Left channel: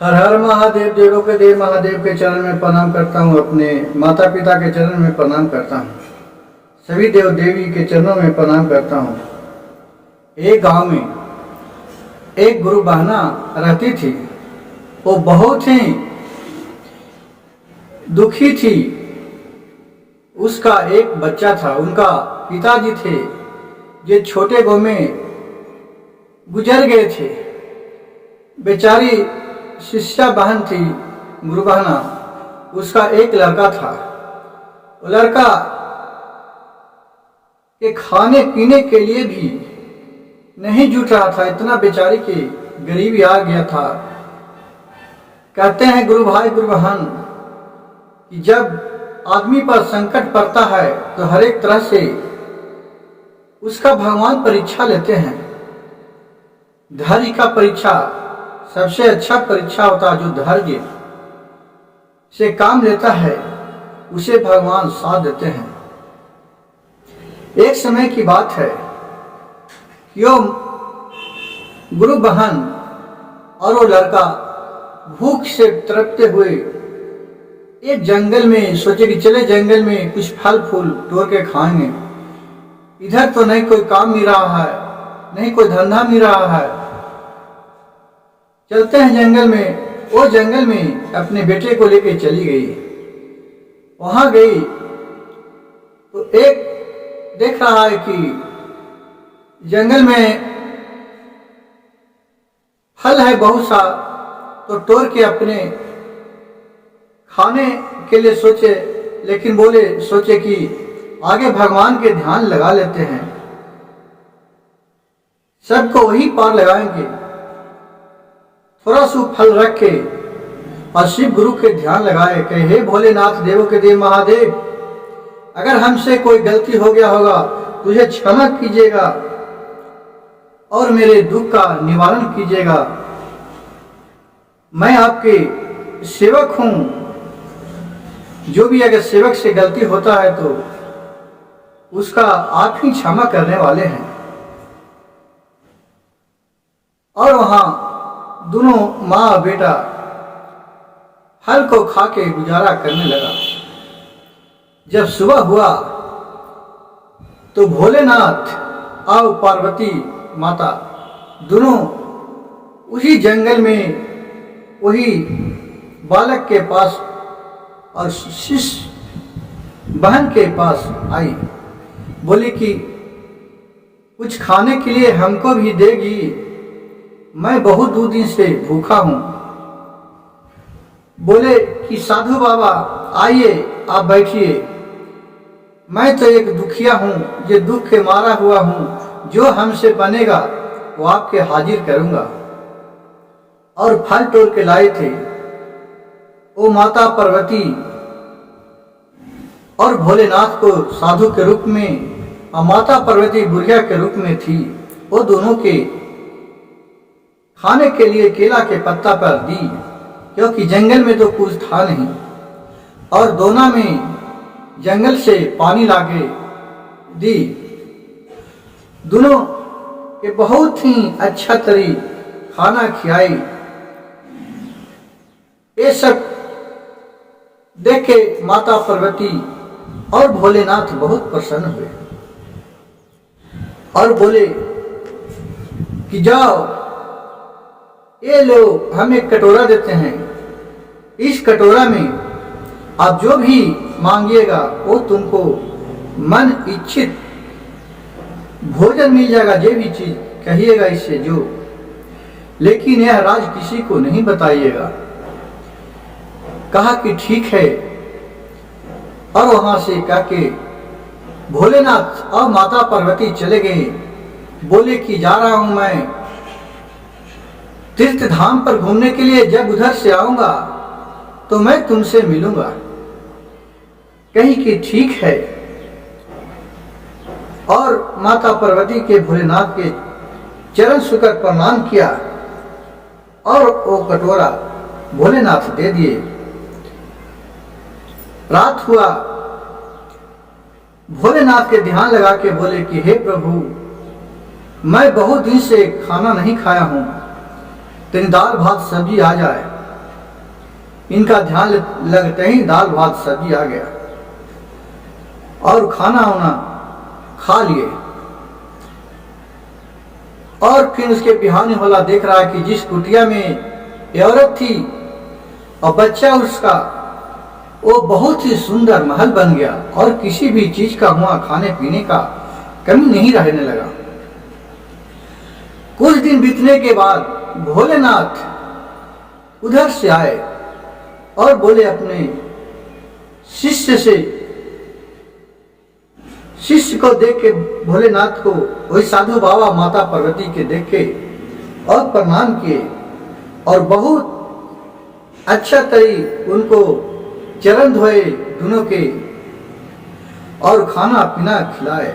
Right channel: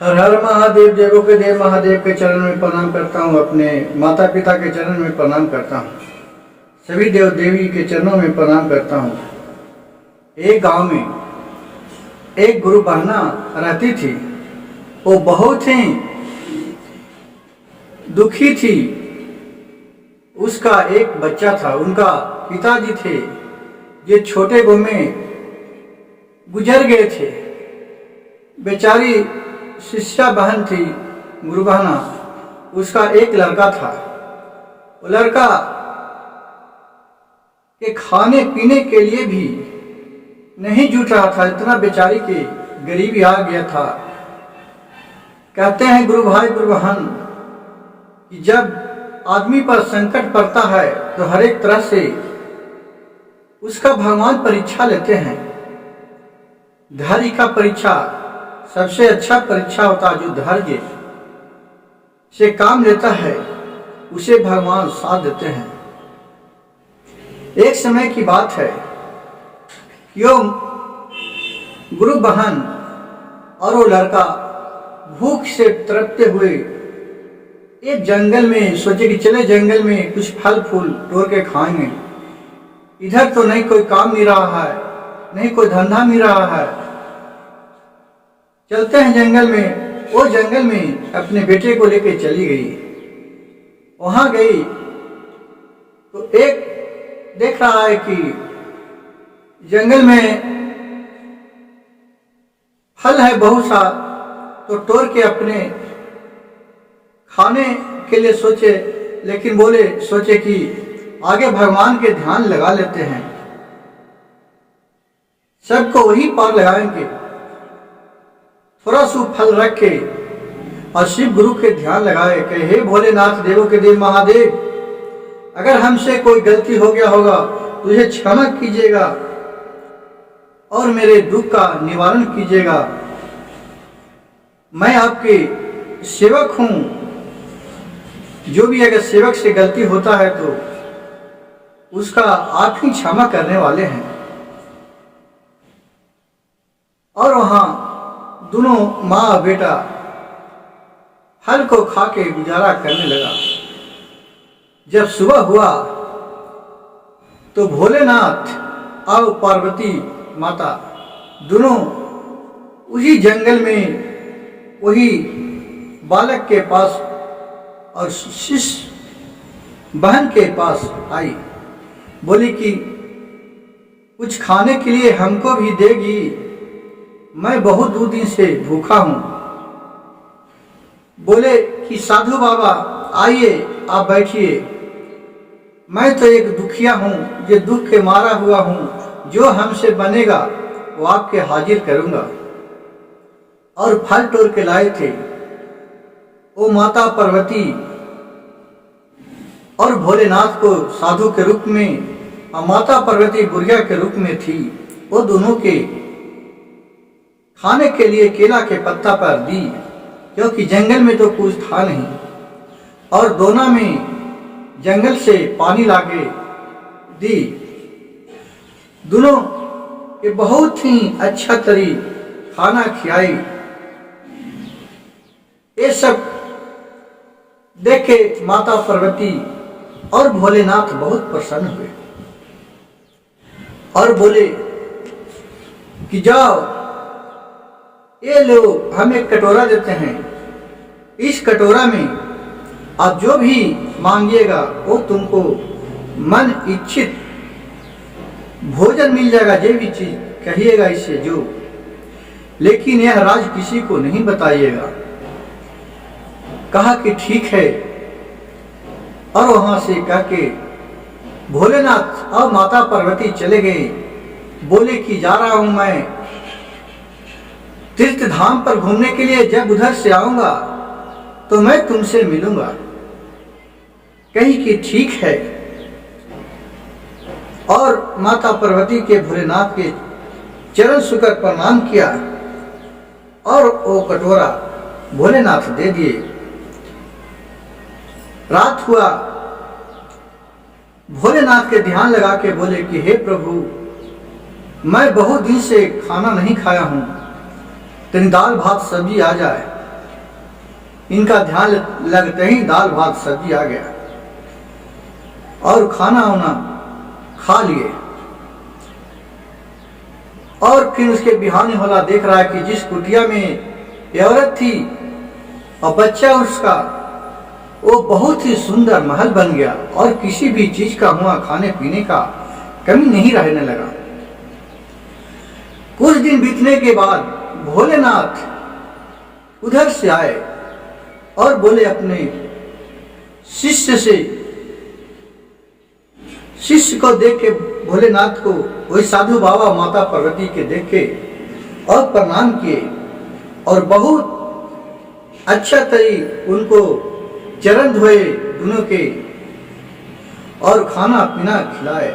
हर हर महादेव। देवों के देव महादेव के चरण में प्रणाम करता हूँ। अपने माता पिता के चरण में प्रणाम करता हूँ। सभी देव देवी के चरणों में प्रणाम करता हूँ। एक गांव में एक गुरु बहना रहती थी। वो बहुत ही दुखी थी। उसका एक बच्चा था। उनका पिताजी थे जो छोटे गांव में गुजर गए थे। बेचारी शिष्या बहन थी गुरु बहना। उसका एक लड़का था। वो लड़का के खाने पीने के लिए भी नहीं जुट रहा था। इतना बेचारी की गरीबी आ गया था। कहते हैं गुरु भाई गुरु बहन कि जब आदमी पर संकट पड़ता है तो हर एक तरह से उसका भगवान परीक्षा लेते हैं। धैर्य का परीक्षा सबसे अच्छा परीक्षा होता है। जो धैर्य से काम लेता है उसे भगवान साथ देते हैं। एक समय की बात है कि वो गुरु बहन और वो लड़का भूख से तड़पते हुए एक जंगल में सोचे कि चले जंगल में कुछ फल फूल तोड़ के खाएंगे। इधर तो नहीं कोई काम मिल रहा है, नहीं कोई धंधा मिल रहा है। चलते हैं जंगल में। वो जंगल में अपने बेटे को लेकर चली गई। वहां गई तो एक देख रहा है कि जंगल में फल है बहुत सा, तो तोड़ के अपने खाने के लिए सोचे। लेकिन सोचे कि आगे भगवान के ध्यान लगा लेते हैं, सबको वही पार लगाएंगे। थोड़ा सा फल रख के और शिव गुरु के ध्यान लगाए कि हे भोलेनाथ देवों के देव महादेव, अगर हमसे कोई गलती हो गया होगा तुझे क्षमा कीजिएगा और मेरे दुख का निवारण कीजिएगा। मैं आपके सेवक हूं। जो भी अगर सेवक से गलती होता है तो उसका आप ही क्षमा करने वाले हैं। और वहां दोनों माँ और बेटा फल को खा के गुजारा करने लगा। जब सुबह हुआ तो भोलेनाथ और पार्वती माता दोनों उसी जंगल में वही बालक के पास और शिष्य बहन के पास आई। बोली कि कुछ खाने के लिए हमको भी देगी, मैं बहुत 2 दिन से भूखा हूं। बोले कि साधु बाबा आइए, आप बैठिए। मैं तो एक दुखिया हूं, जो दुख के मारा हुआ हूं। जो हमसे बनेगा वो आपके हाजिर करूंगा। और फल तोड़ के लाए थे। वो माता पार्वती और भोलेनाथ को साधु के रूप में और माता पार्वती बुढ़िया के रूप में थी। वो दोनों के खाने के लिए केला के पत्ता पर दी, क्योंकि जंगल में तो कुछ था नहीं। और दोनों में जंगल से पानी लाके दी। दोनों के बहुत ही अच्छा तरी खाना खिलाई। ये सब देख के माता पार्वती और भोलेनाथ बहुत प्रसन्न हुए और बोले कि जाओ, ये लो, हम एक कटोरा देते हैं। इस कटोरा में आप जो भी मांगिएगा वो तुमको मन इच्छित भोजन मिल जाएगा। जो भी चीज कहिएगा इससे जो, लेकिन यह राज किसी को नहीं बताइएगा। कहा कि ठीक है। और वहां से कह के भोलेनाथ और माता पार्वती चले गए। बोले कि जा रहा हूं मैं तीर्थ धाम पर घूमने के लिए। जब उधर से आऊंगा तो मैं तुमसे मिलूंगा। कही कि ठीक है। और माता पार्वती के भोलेनाथ के चरण छूकर प्रणाम किया और वो कटोरा भोलेनाथ दे दिए। रात हुआ। भोलेनाथ के ध्यान लगा के बोले कि हे प्रभु, मैं बहुत दिन से खाना नहीं खाया हूं, तेरी दाल भात सब्जी आ जाए। इनका ध्यान लगते ही दाल भात सब्जी आ गया और खाना वाना खा लिए। और फिर उसके बिहाने होला देख रहा है कि जिस कुटिया में ये औरत थी और बच्चा उसका, वो बहुत ही सुंदर महल बन गया और किसी भी चीज का हुआ खाने पीने का कमी नहीं रहने लगा। कुछ दिन बीतने के बाद भोलेनाथ उधर से आए और बोले अपने शिष्य से, शिष्य को देख के भोलेनाथ को वही साधु बाबा माता पार्वती के देख के और प्रणाम किए और बहुत अच्छा तरी उनको चरण धोए दोनों के और खाना पीना खिलाए।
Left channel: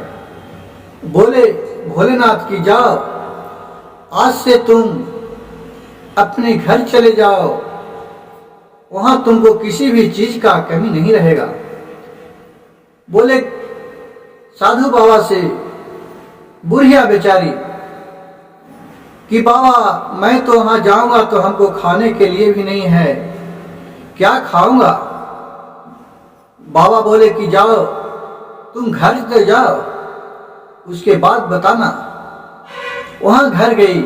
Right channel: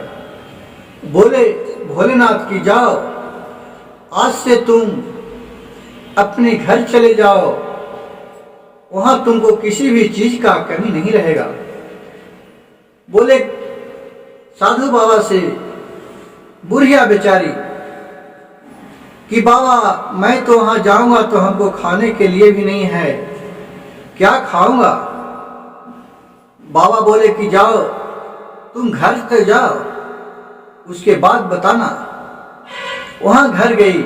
बोले भोलेनाथ की जाओ, आज से तुम अपने घर चले जाओ, वहां तुमको किसी भी चीज का कमी नहीं रहेगा। बोले साधु बाबा से बुढ़िया बेचारी कि बाबा मैं तो वहां जाऊंगा तो हमको खाने के लिए भी नहीं है, क्या खाऊंगा। बाबा बोले कि जाओ तुम घर तो जाओ, उसके बाद बताना। वहां घर गई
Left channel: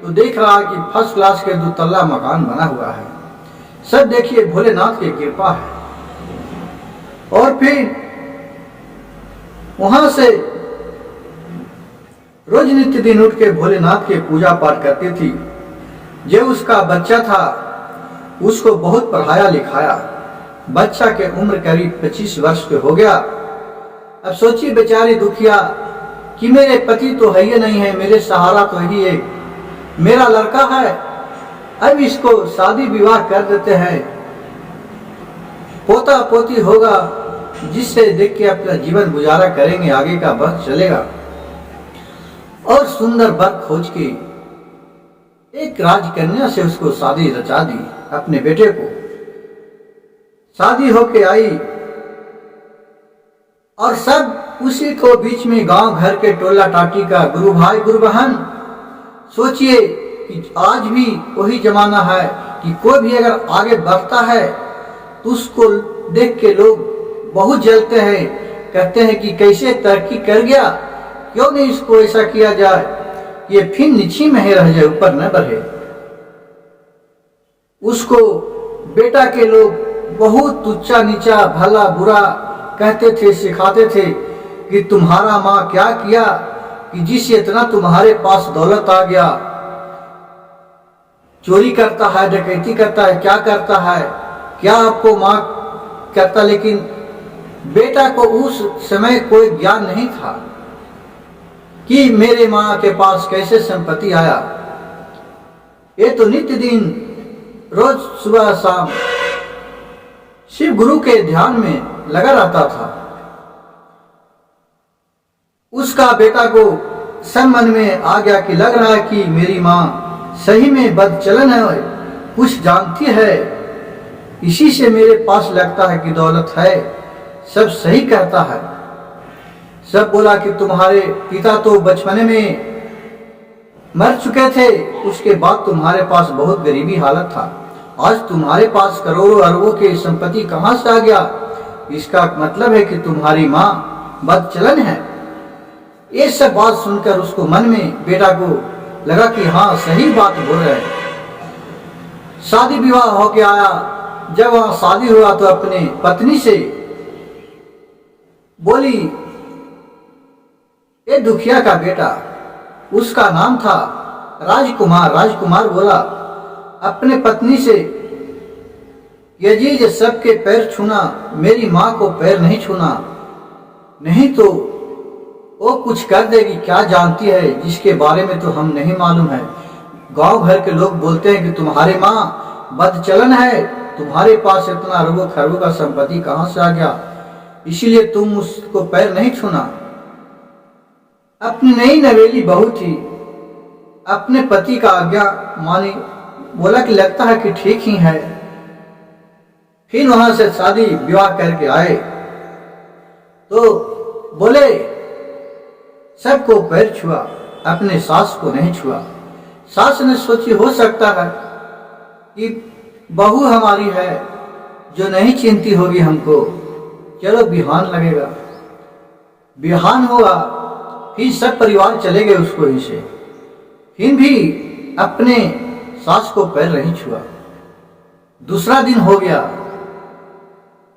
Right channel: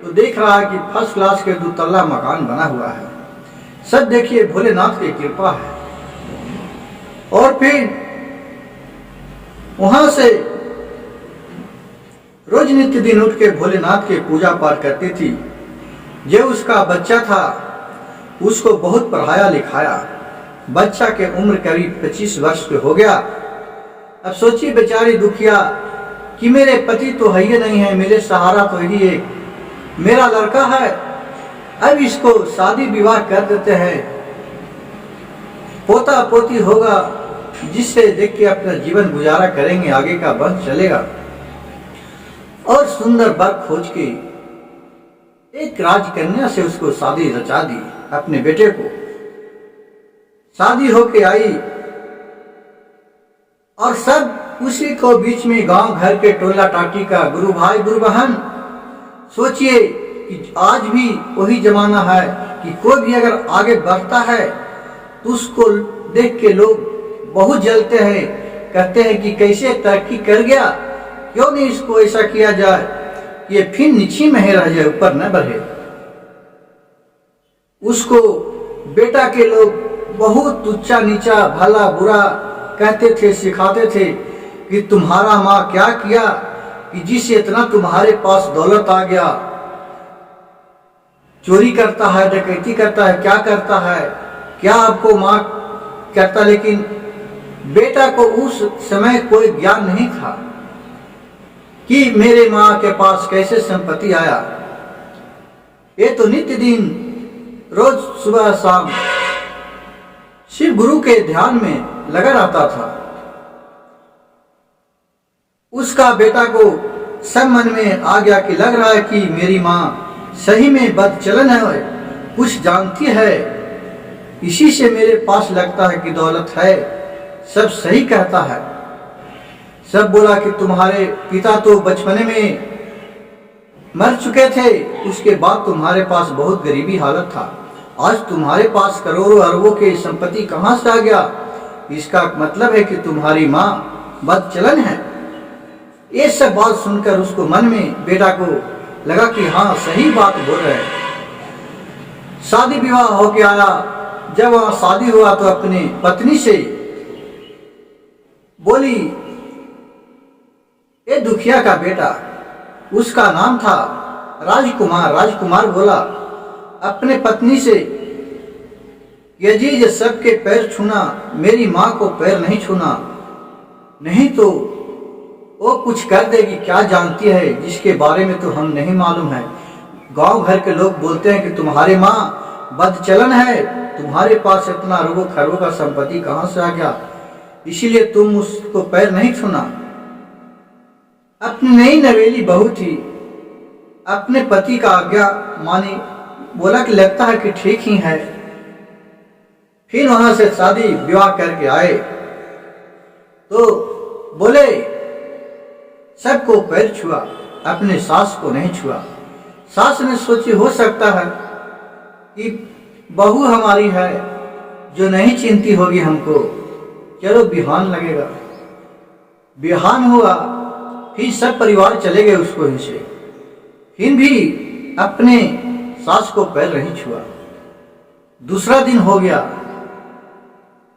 तो देख रहा है कि फर्स्ट क्लास के 2 तल्ला मकान बना हुआ है। सब देखिए भोलेनाथ की कृपा है। और फिर वहां से रोज नित्य दिन उठ के भोलेनाथ के पूजा पाठ करती थी। जो उसका बच्चा था उसको बहुत पढ़ाया लिखाया। बच्चा के उम्र करीब 25 वर्ष के हो गया। अब सोचिए बेचारी दुखिया कि मेरे पति तो है ही नहीं है, मेरे सहारा तो यही एक मेरा लड़का है, अब इसको शादी विवाह कर देते हैं, पोता पोती होगा जिससे देख के अपना जीवन गुजारा करेंगे, आगे का वंश चलेगा। और सुंदर वर खोज के एक राजकन्या से उसको शादी रचा दी अपने बेटे को। शादी होके आई और सब उसी को बीच में गांव घर के टोला टाटी का गुरु भाई गुरु बहन। सोचिए कि आज भी वही जमाना है कि कोई भी अगर आगे बढ़ता है तो उसको देख के लोग बहुत जलते हैं, कहते हैं कि कैसे तरक्की कर गया, क्यों नहीं इसको ऐसा किया जाए कि ये फिर नीचे में ही रह जाए, ऊपर न बढ़े। उसको बेटा के लोग बहुत ऊंचा नीचा भला बुरा कहते थे, सिखाते थे कि तुम्हारा माँ क्या किया कि जिससे इतना तुम्हारे पास दौलत आ गया, चोरी करता है, डकैती करता है, क्या करता है, क्या आपको माँ करता। लेकिन बेटा को उस समय कोई ज्ञान नहीं था कि मेरे माँ के पास कैसे संपत्ति आया। ये तो नित्य दिन रोज सुबह शाम शिव गुरु के ध्यान में लगा रहता था। उसका बेटा को सब मन में आ गया कि लग रहा है कि मेरी माँ सही में बदचलन है, कुछ जानती है, इसी से मेरे पास लगता है कि दौलत है, सब सही कहता है। सब बोला कि तुम्हारे पिता तो बचपने में मर चुके थे, उसके बाद तुम्हारे पास बहुत गरीबी हालत था, आज तुम्हारे पास करोड़ों अरबों की संपत्ति कहाँ से आ गया, इसका मतलब है कि तुम्हारी माँ बदचलन है। ये सब बात सुनकर उसको मन में बेटा को लगा कि हाँ सही बात बोल रहे हैं। शादी विवाह होके आया। जब वहां शादी हुआ तो अपने पत्नी से बोली, ये दुखिया का बेटा, उसका नाम था राजकुमार। राजकुमार बोला अपने पत्नी से, यजीज सबके पैर छूना, मेरी माँ को पैर नहीं छूना, नहीं तो वो कुछ कर देगी, क्या जानती है जिसके बारे में तो हम नहीं मालूम है। गांव भर के लोग बोलते हैं कि तुम्हारी माँ बदचलन है, तुम्हारे पास इतना अरबों खरबों का संपत्ति कहाँ से आ गया, इसीलिए तुम उसको पैर नहीं छूना। अपनी नई नवेली बहू थी, अपने पति का आज्ञा मानी, बोला कि लगता है कि ठीक ही है। फिर वहां से शादी विवाह करके आए तो बोले सबको पैर छुआ, अपने सास को नहीं छुआ। सास ने सोची हो सकता है कि बहू हमारी है जो नहीं चिंती होगी हमको, चलो बिहान लगेगा। बिहान हुआ, फिर सब परिवार चले गए उसको ही से, फिर भी अपने सास को पैर नहीं छुआ। दूसरा दिन हो गया,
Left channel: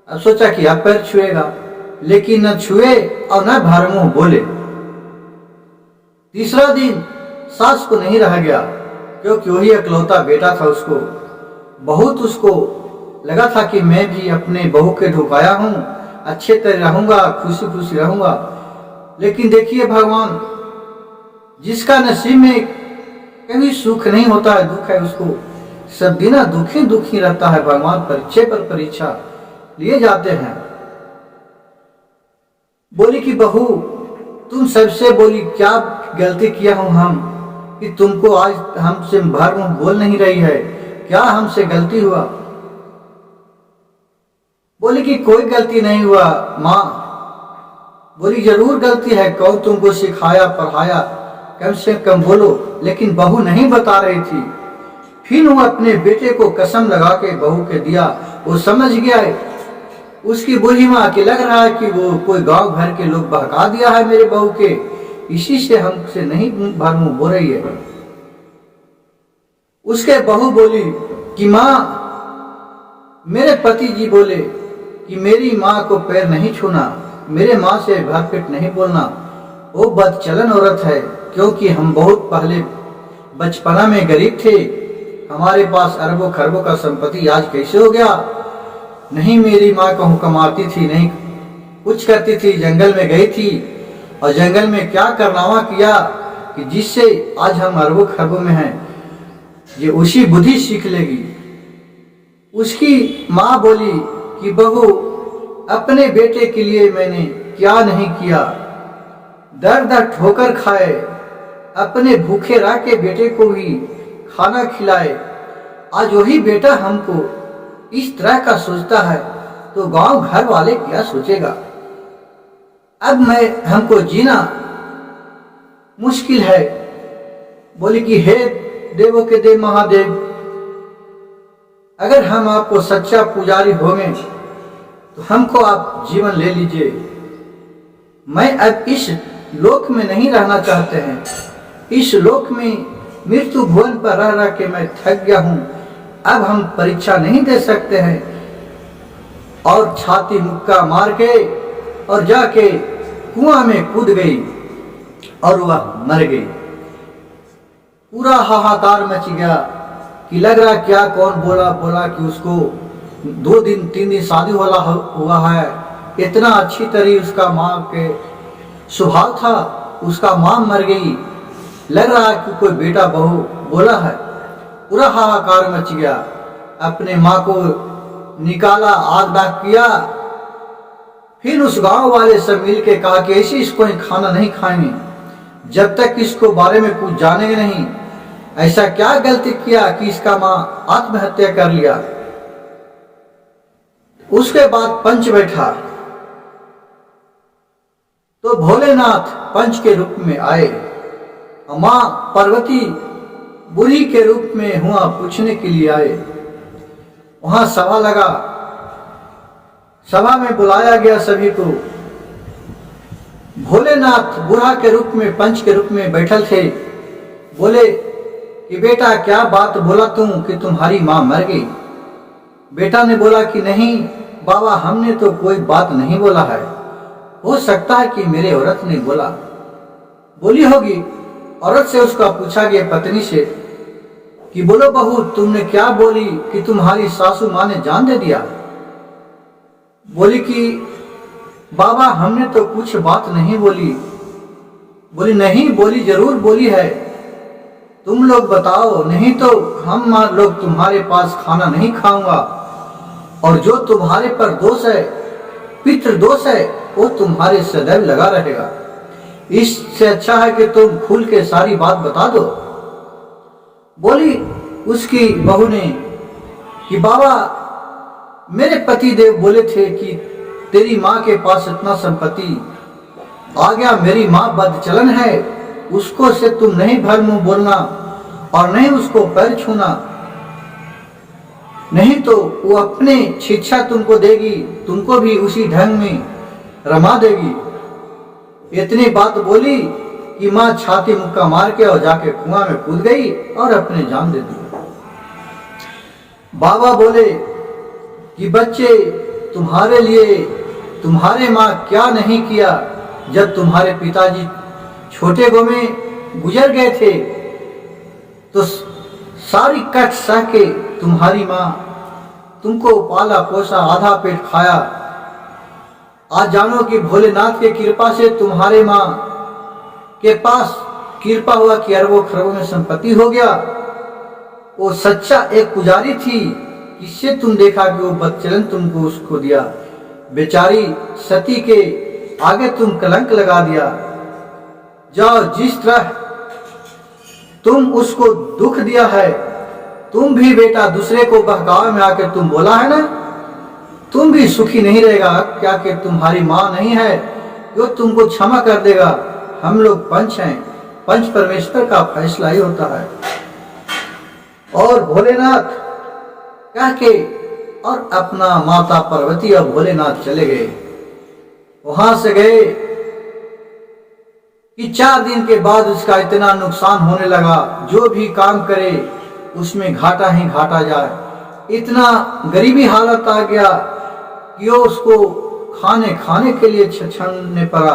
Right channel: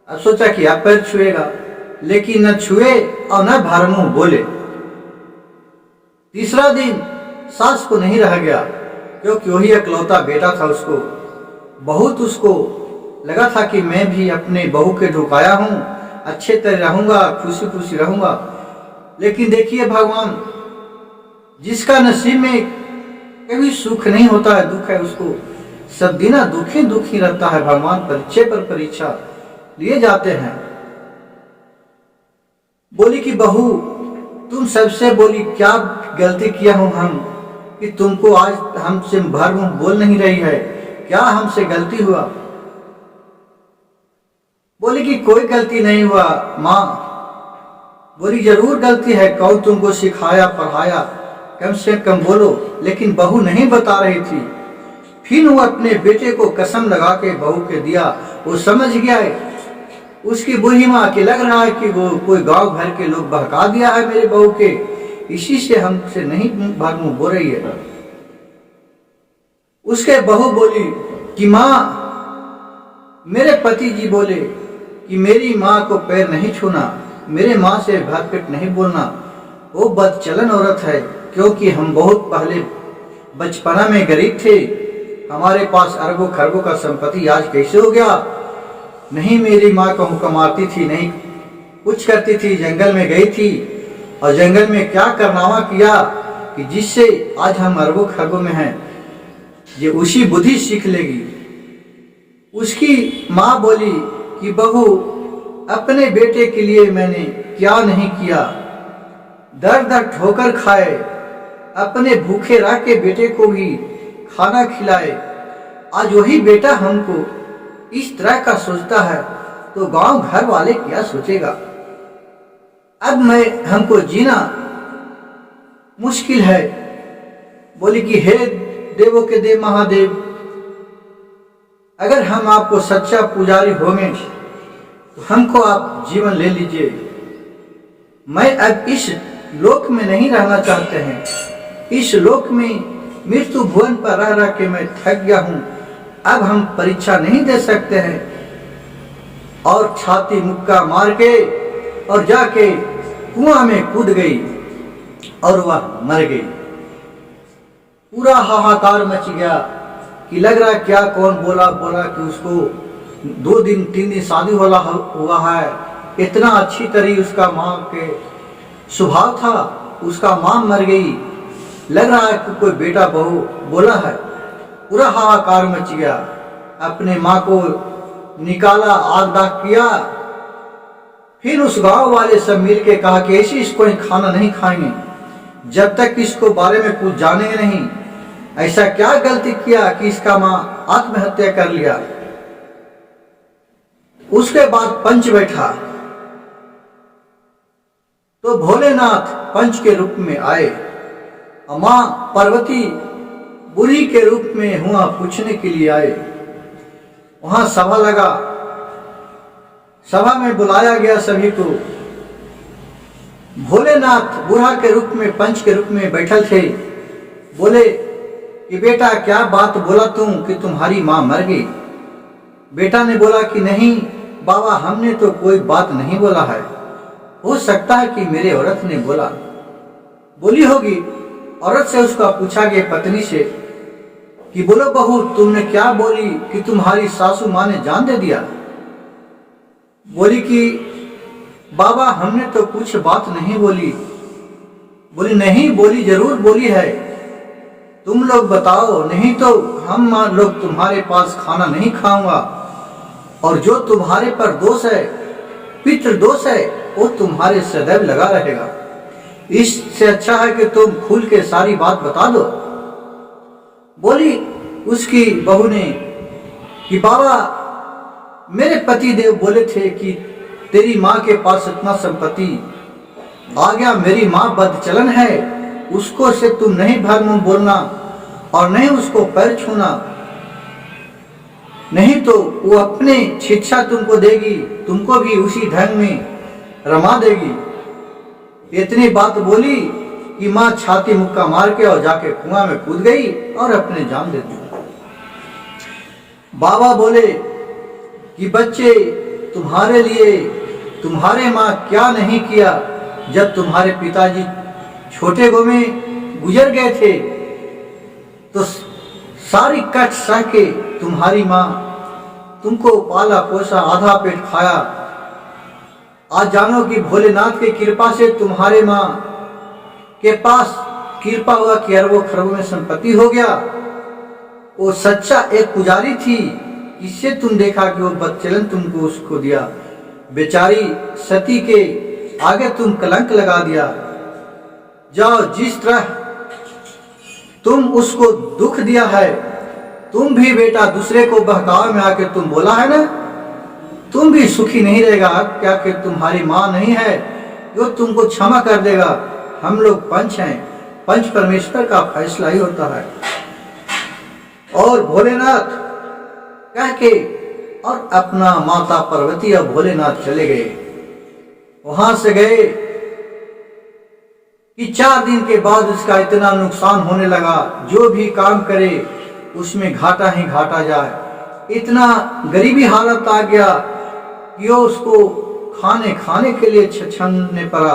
अब सोचा कि अब पैर छुएगा, लेकिन न छुए और न भर मुंह बोले। तीसरा दिन सास को नहीं रह गया, क्योंकि वही इकलौता बेटा था उसको। बहुत उसको लगा था कि मैं भी अपने बहू के ढुकाया हूँ, अच्छे तरह रहूँगा, खुशी खुशी रहूँगा। लेकिन देखिए भगवान, जिसका नसीब में कभी सुख नहीं होता है, दुख है, उसको सब दिन दुखी दुखी रहता है। भगवान परीक्षा पर परीक्षा लिए जाते हैं। बोली कि बहू तुम सबसे बोली क्या गलती किया हूं हम कि तुमको आज हमसे भर मुंह बोल नहीं रही है, क्या हमसे गलती हुआ? बोली कि कोई गलती नहीं हुआ माँ। बोली जरूर गलती है, कौन तुमको सिखाया पढ़ाया, कम से कम बोलो। लेकिन बहू नहीं बता रही थी। फिर वो अपने बेटे को कसम लगा के बहू के दिया। वो समझ गया है, उसकी बूढ़ी माँ के लग रहा है कि वो कोई गांव भर के लोग बहका दिया है मेरे बहू के, इसी से हमसे नहीं भर मुंह बोल रही है। उसके बहू बोली कि माँ, मेरे पति जी बोले कि मेरी माँ को पैर नहीं छूना, मेरे माँ से भरपेट नहीं बोलना। वो बदचलन औरत है, क्योंकि हम बहुत पहले बचपना में गरीब थे, हमारे पास अरबों खरबों का संपत्ति आज कैसे हो गया? नहीं मेरी माँ कहूँ कमाती थी, नहीं कुछ करती थी, जंगल में गई थी और जंगल में क्या करनावा किया कि जिससे आज हम अरबों खरबों में हैं। ये उसी बुद्धि सीख लेगी। उसकी माँ बोली कि बहू, अपने बेटे के लिए मैंने क्या नहीं किया, दर दर ठोकर खाए, अपने भूखे रह के बेटे को भी खाना खिलाए। आज वही बेटा हमको इस तरह का सोचता है तो गांव घर वाले क्या सोचेगा? अब मैं हमको जीना मुश्किल है। बोली कि हे देवों के देव महादेव, अगर हम आपको सच्चा पुजारी होंगे तो हमको आप जीवन ले लीजिए। मैं अब इस लोक में नहीं रहना चाहते हैं। इस लोक में मृत्यु भुवन पर रह रह के मैं थक गया हूँ। अब हम परीक्षा नहीं दे सकते हैं। और छाती मुक्का मार के और जाके कुआं में कूद गई और वह मर गई। पूरा हाहाकार मच गया कि लग रहा क्या कौन बोला कि उसको 2 दिन 3 दिन शादी हुआ है, इतना अच्छी तरह उसका माँ के स्वभाव था, उसका माँ मर गई, लग रहा है कि कोई बेटा बहू बोला है। पूरा हाहाकार मच गया। अपने माँ को निकाला, आग दाग किया। फिर उस गांव वाले सब मिल के कहा कि ऐसे इसको खाना नहीं खाएंगे जब तक इसको बारे में कुछ जानेंगे नहीं। ऐसा क्या गलती किया कि इसका माँ आत्महत्या कर लिया? उसके बाद पंच बैठा तो भोलेनाथ पंच के रूप में आए। माँ पार्वती बुढ़ी के रूप में हुआ पूछने के लिए आए। वहां सभा लगा, सभा में बुलाया गया सभी को। भोलेनाथ बूढ़ा के रूप में पंच के रूप में बैठल थे। बोले कि बेटा क्या बात बोला तुम कि तुम्हारी माँ मर गई? बेटा ने बोला कि नहीं बाबा, हमने तो कोई बात नहीं बोला है, हो सकता है कि मेरे औरत ने बोली होगी। औरत से उसका पूछा गया पत्नी से कि बोलो बहू, तुमने क्या बोली कि तुम्हारी सासू माँ ने जान दे दिया? बोली कि बाबा हमने तो कुछ बात नहीं बोली। बोली नहीं, बोली जरूर बोली है, तुम लोग बताओ, नहीं तो हम लोग तुम्हारे पास खाना नहीं खाऊंगा। और जो तुम्हारे पर दोष है, पितृ दोष है, वो तुम्हारे सदैव लगा रहेगा। इससे अच्छा है कि तुम खुल के सारी बात बता दो। बोली उसकी बहू ने कि बाबा, मेरे पति देव बोले थे कि तेरी माँ के पास इतना संपत्ति आ गया, मेरी माँ बदचलन है, उसको से तुम नहीं भर मुंह बोलना और नहीं उसको पैर छूना। नहीं तो वो अपने शिक्षा तुमको देगी, तुमको भी उसी ढंग में रमा देगी। इतनी बात बोली कि माँ छाती मुक्का मार के और जाके कुआं में कूद गई और अपने जान दे दी। बाबा बोले कि बच्चे, तुम्हारे लिए तुम्हारे माँ क्या नहीं किया। जब तुम्हारे पिताजी छोटे गो में गुजर गए थे तो सारी कष्ट सह के तुम्हारी माँ तुमको पाला पोसा, आधा पेट खाया। आज जानो कि भोलेनाथ की कृपा से तुम्हारे माँ के पास कृपा हुआ कि अरबों खरबों में संपत्ति हो गया। वो सच्चा एक पुजारी थी, इससे तुम देखा कि वो बदचलन तुमको उसको दिया। बेचारी सती के आगे तुम कलंक लगा दिया। जाओ, जिस तरह तुम उसको दुख दिया है, तुम भी बेटा दूसरे को बहकावे में आके तुम बोला है ना, तुम भी सुखी नहीं रहेगा। क्या कि तुम्हारी माँ नहीं है जो तुमको क्षमा कर देगा। हम लोग पंच हैं, पंच परमेश्वर का फैसला ही होता है। और भोलेनाथ कह के और अपना माता पार्वती और भोलेनाथ चले गए। वहां से गए कि 4 दिन के बाद उसका इतना नुकसान होने लगा, जो भी काम करे उसमें घाटा ही घाटा जाए। इतना गरीबी हालत आ गया कि वो उसको खाने के लिए छछनने पड़ा।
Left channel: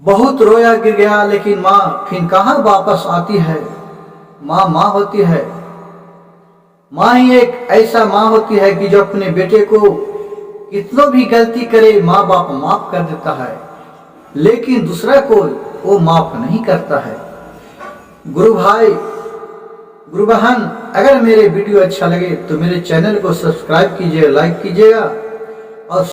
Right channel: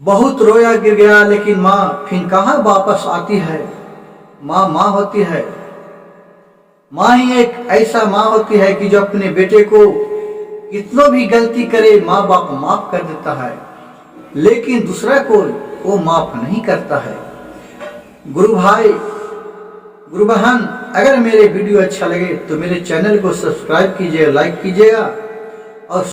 बहुत रोया गिर गया, लेकिन माँ फिर कहाँ वापस आती है। माँ माँ होती है। माँ ही एक ऐसा माँ होती है कि जो अपने बेटे को कितनों भी गलती करे माँ बाप माफ कर देता है, लेकिन दूसरा को वो माफ नहीं करता है। गुरु भाई, गुरु बहन, अगर मेरे वीडियो अच्छा लगे तो मेरे चैनल को सब्सक्राइब कीजिए, लाइक कीजिएगा